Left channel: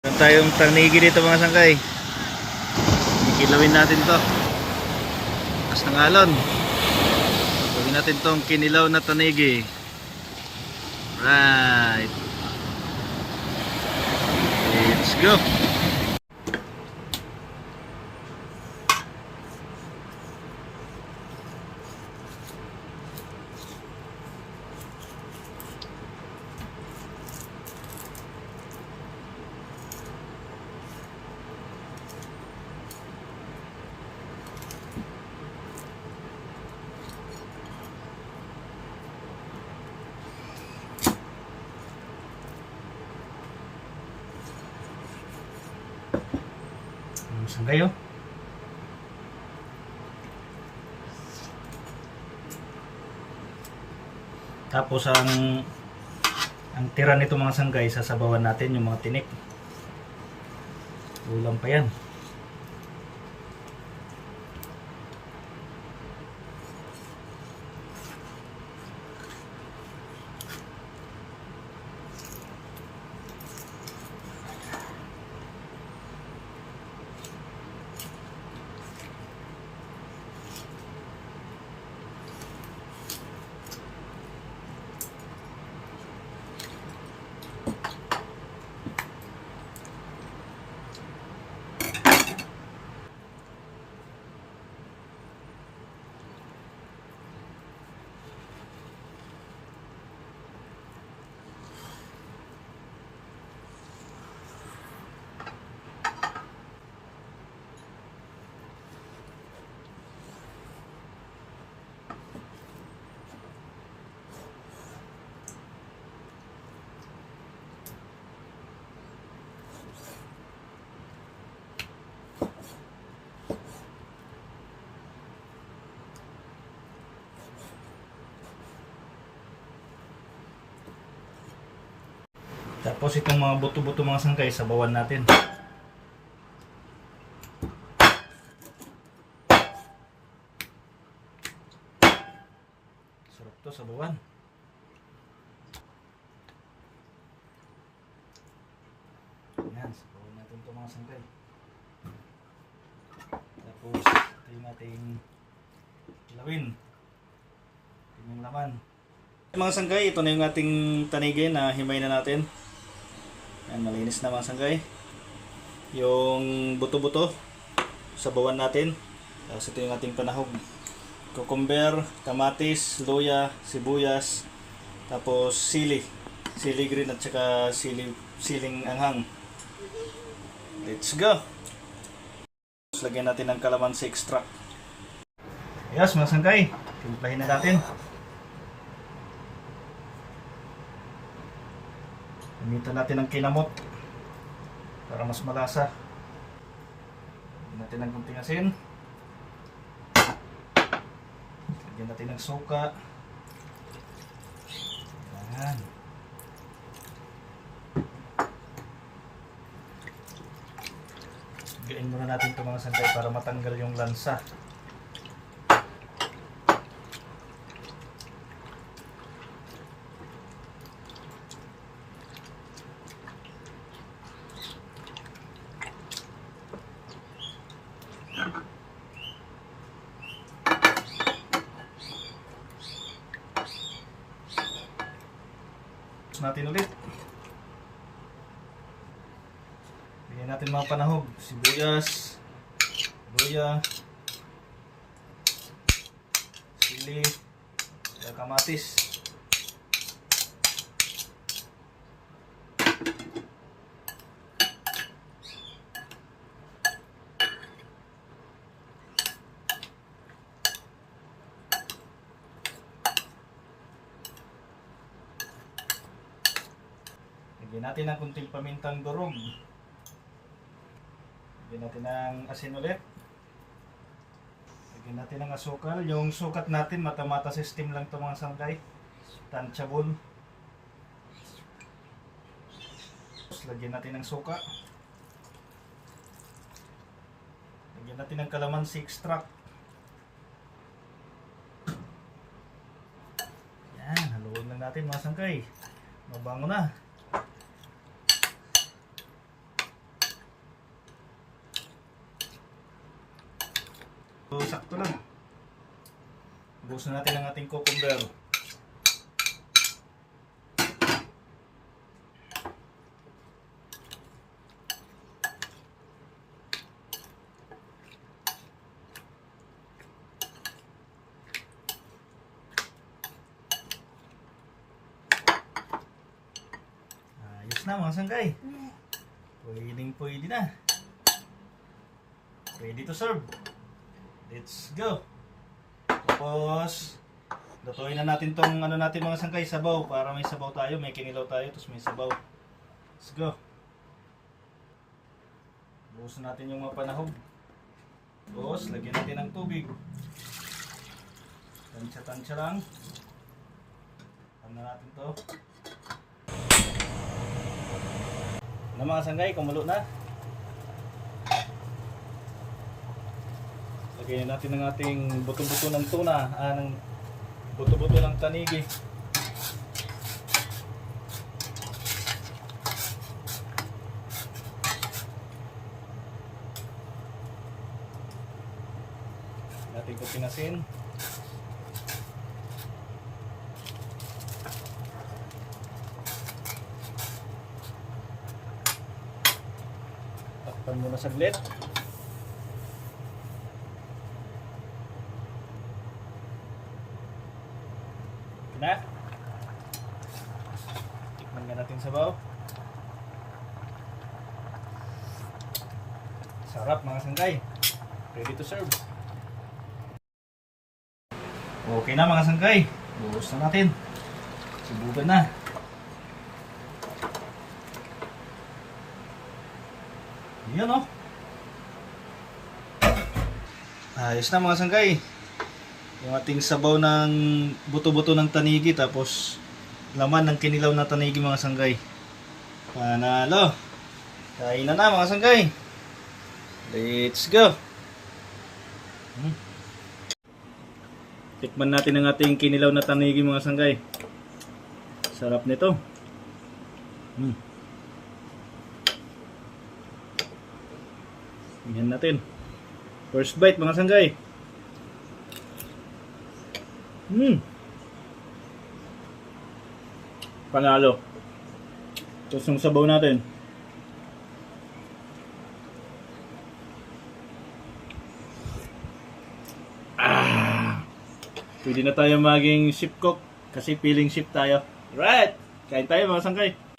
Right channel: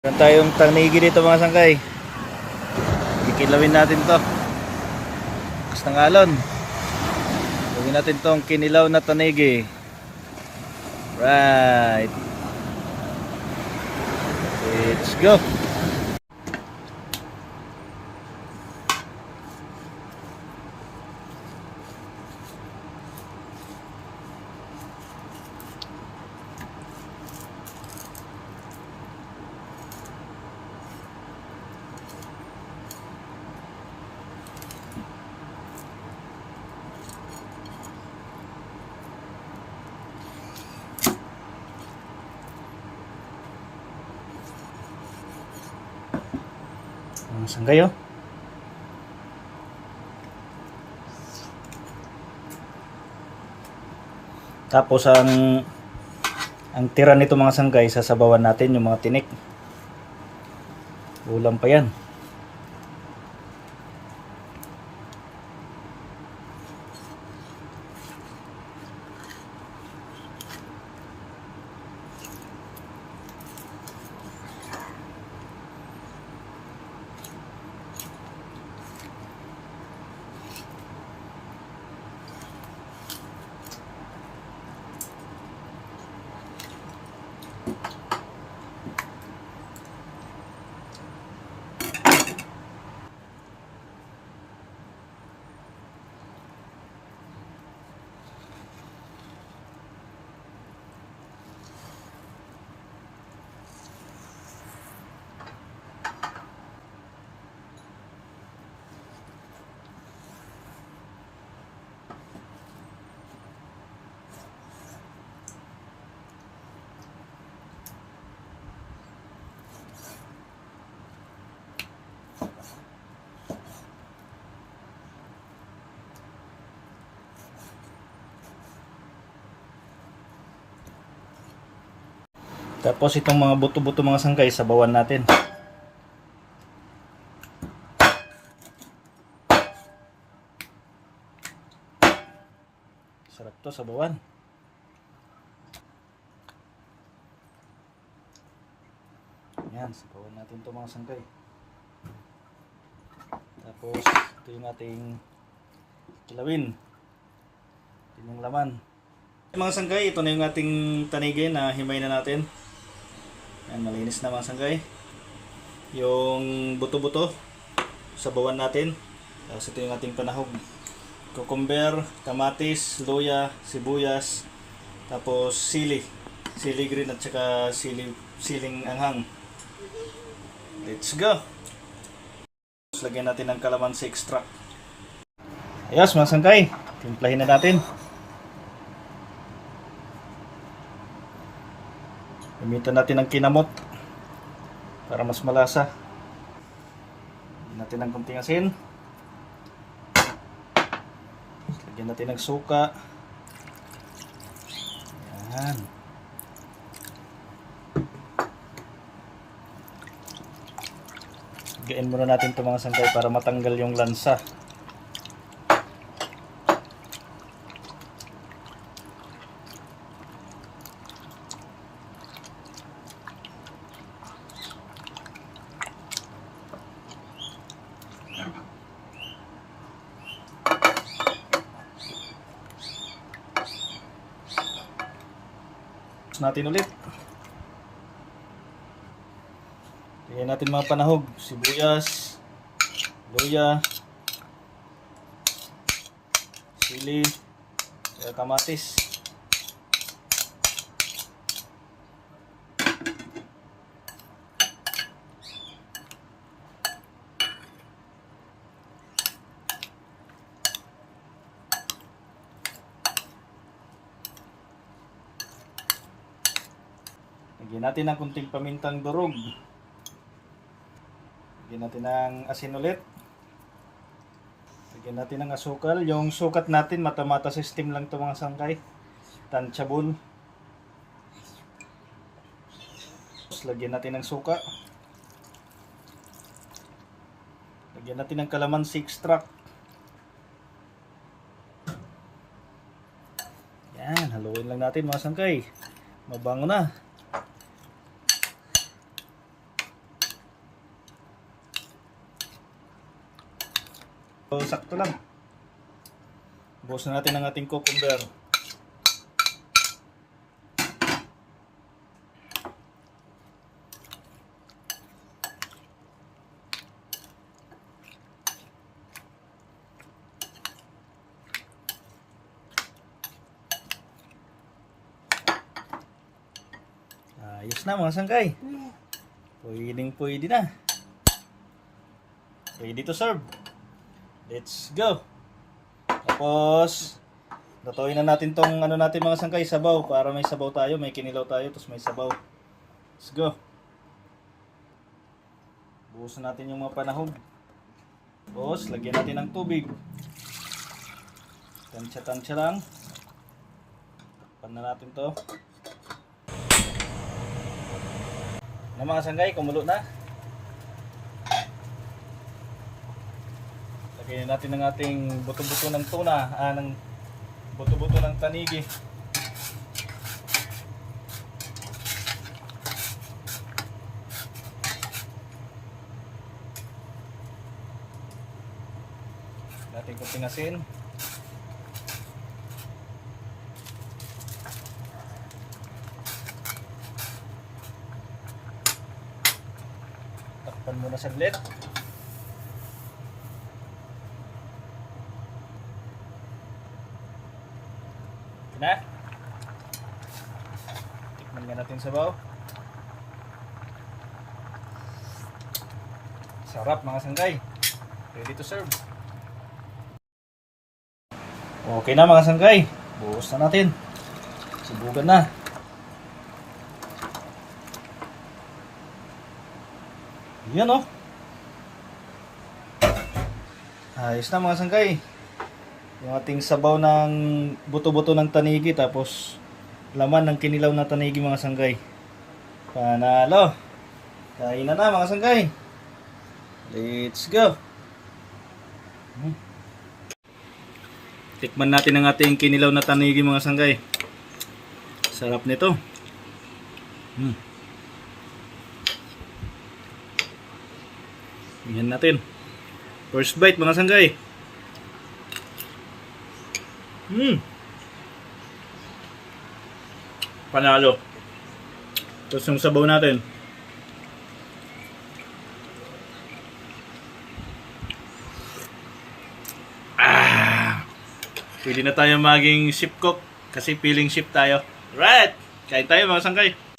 Meron tayong tanigi dito mga sangkay. Kikilawin natin to. Kas ng alon. Gawin natin tong kinilaw na tanigi. Right. Let's go. Sanggay oh. Tapos ang ang tira nito mga sanggay sasabawan natin yung mga tinik. Ulam pa yan. Tapos itong mga buto-buto mga sangkay sabawan natin. Sarap to sabawan. Yan, sabawan natin itong mga sangkay. Tapos ito yung ating kilawin. Ito yung laman. Mga sanggay, ito na yung ating tanigay na himay na natin. Yan, malinis na mga sanggay. Yung buto-buto, sabawan natin. Tapos ito yung ating panahog. Cucumber, kamatis, luya, sibuyas, tapos sili. Sili green at saka sili, siling anghang. Let's go! Tapos lagyan natin ng calamansi extract. Ayos mga sanggay, timplahin na natin. Gamitan natin ng kinamot para mas malasa. Lagyan natin ng kunting asin. Lagyan natin ng suka. Ayan. Gain muna natin itong mga sangkay para matanggal yung lansa. Natin ulit. Lagyan natin mga panahog, sibuyas, luya, sili, kamatis. Lagyan natin ng kunting pamintang durog. Lagyan natin ng asin ulit. Lagyan natin ng asukal. Yung sukat natin, mata-mata system lang ito mga sangkay. Tanchable. Tapos lagyan natin ng suka. Lagyan natin ng kalamansi extract. Yan, haluin lang natin mga sangkay. Mabango na. So, sakto lang. Buhos na natin ang ating cucumber. Ayos na mga sangkay. Pwedeng pwede na. Ready to serve. Let's go. Tapos, lutuin na natin tong ano natin mga sangkay, sabaw. Para may sabaw tayo, may kinilaw tayo, tapos may sabaw. Let's go. Buhusan natin yung mga panahog. Tapos, lagyan natin ng tubig. Tansya-tansya lang. Takpan na natin to. Ano mga sanggay, kumulo na. Lagyan natin ng ating buto-buto ng tuna, ah, ng buto-buto ng tanigi. Natin ko pinasin. Takpan muna saglit. Na. Tikman nga natin sabaw. Sarap mga sanggay. Ready to serve. Okay na mga sanggay. Buhos na natin. Sibugan na. Yan oh. Ayos na mga sanggay. Yung ating sabaw ng buto-buto ng tanigi tapos laman ng kinilaw na tanigi mga sanggay. Panalo. Kain na na mga sanggay. Let's go. Hmm. Tikman natin ang ating kinilaw na tanigi mga sanggay. Sarap nito. Hmm. Yan natin. First bite mga sanggay. Hmm. Panalo. Tapos yung sabaw natin. Ah! Pwede na tayo maging ship cook kasi feeling ship tayo. Right! Kain tayo mga sangkay.